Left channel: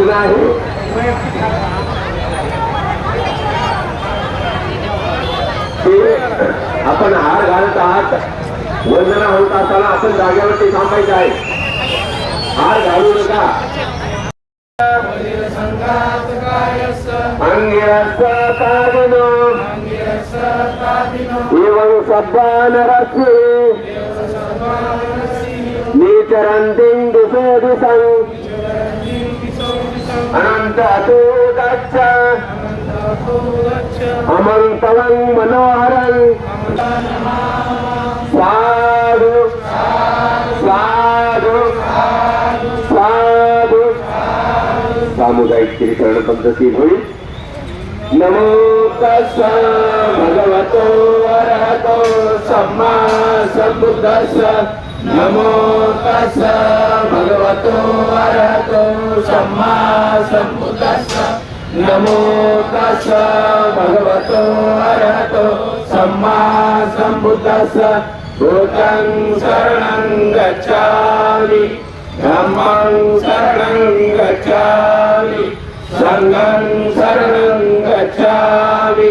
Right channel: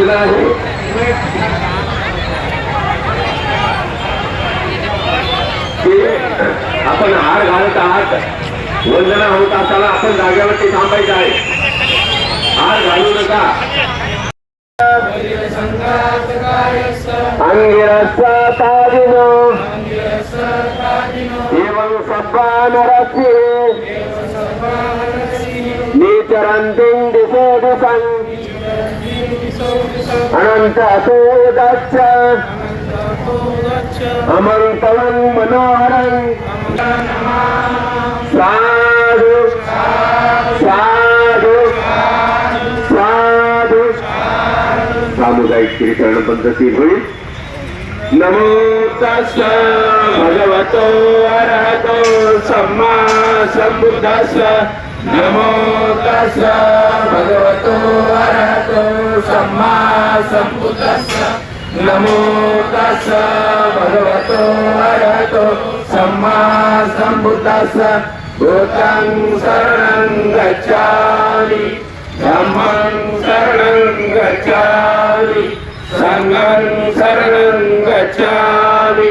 झालेला आहे की आपण हार घालत आहात वंदना होत असताना आपण जागेवरती थांबायचं आहे हार घालू नका अंगिरस्वातादिनो एवं नीचरन्तीं दिशो। दिशम् दाच्या अतोदच्च पवन मनोहरन् साधु साधु साधु. सामुदायिक कीर्तन पद्धती होईल. नमो तस् भगवतो अरहतो सम्मा tassa namo tassa bhagavato arahato samma sambuddhassa. Namo tassa bhagavato arahato samma sambuddhassa. Bhutang saranam gacchami dhammang saranam gacchami sangham saranam gacchami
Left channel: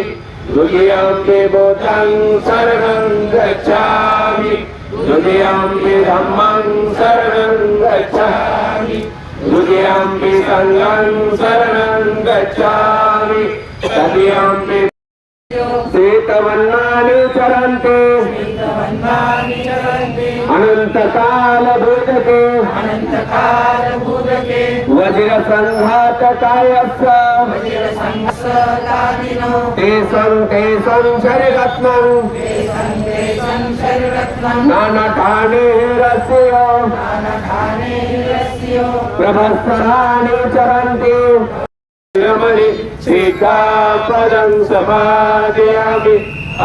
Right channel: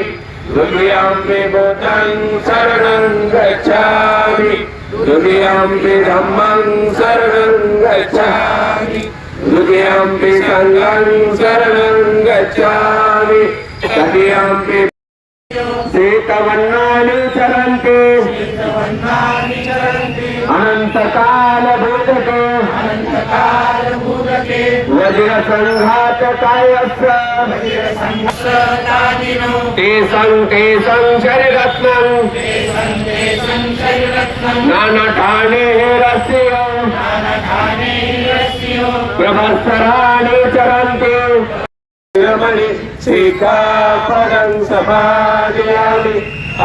द्वितीयम्पि धम्मं शरणं गच्छामि द्वितीयम्पि सङ्गं शरणं गच्छामि तृतीयम्पि सीतवन्नानि चरन्ति अनन्तकालभूतके वज्रसङ्घातकायस्य तेषं तेषं नाना ठाणे शरीरत्नम् नानठानेरस्य प्रभत्सराणि चरन्ति रमणि श्रीकापदं समादयामि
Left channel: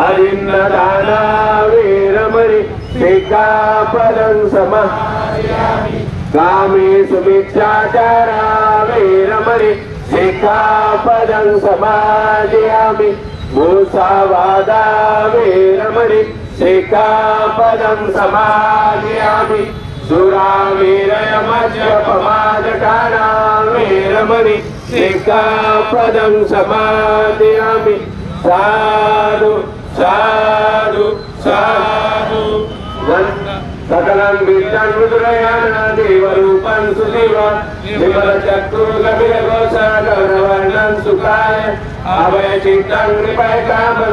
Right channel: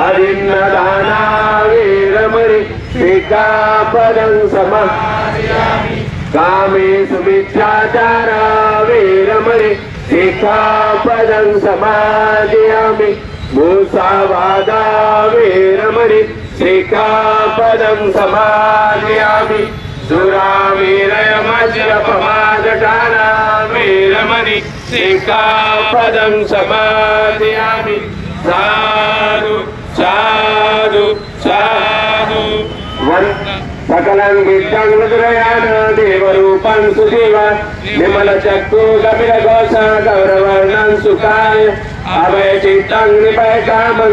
अरिन्नदाना वीरमणि श्रीकापदं समादयामि. कामेषु भिक्षाचारा वीरमणि श्रीकापदं समादयामि. मूसावादा वीरमणि శ్రీకాపదం సమాజయామి. దురామీరయమజ్రపమాదటానామీరమణి శ్రీకాపదం సమాజయామి. సాధు సాధు సాధు. సకలం విద్యం రుద్రయాణ దేవరూపం సుజీవా. విమల చక్రుగమిర ఘోష గౌరవర్ణం సుఖాయ. అభయ చిత్తం నృపయ కామం.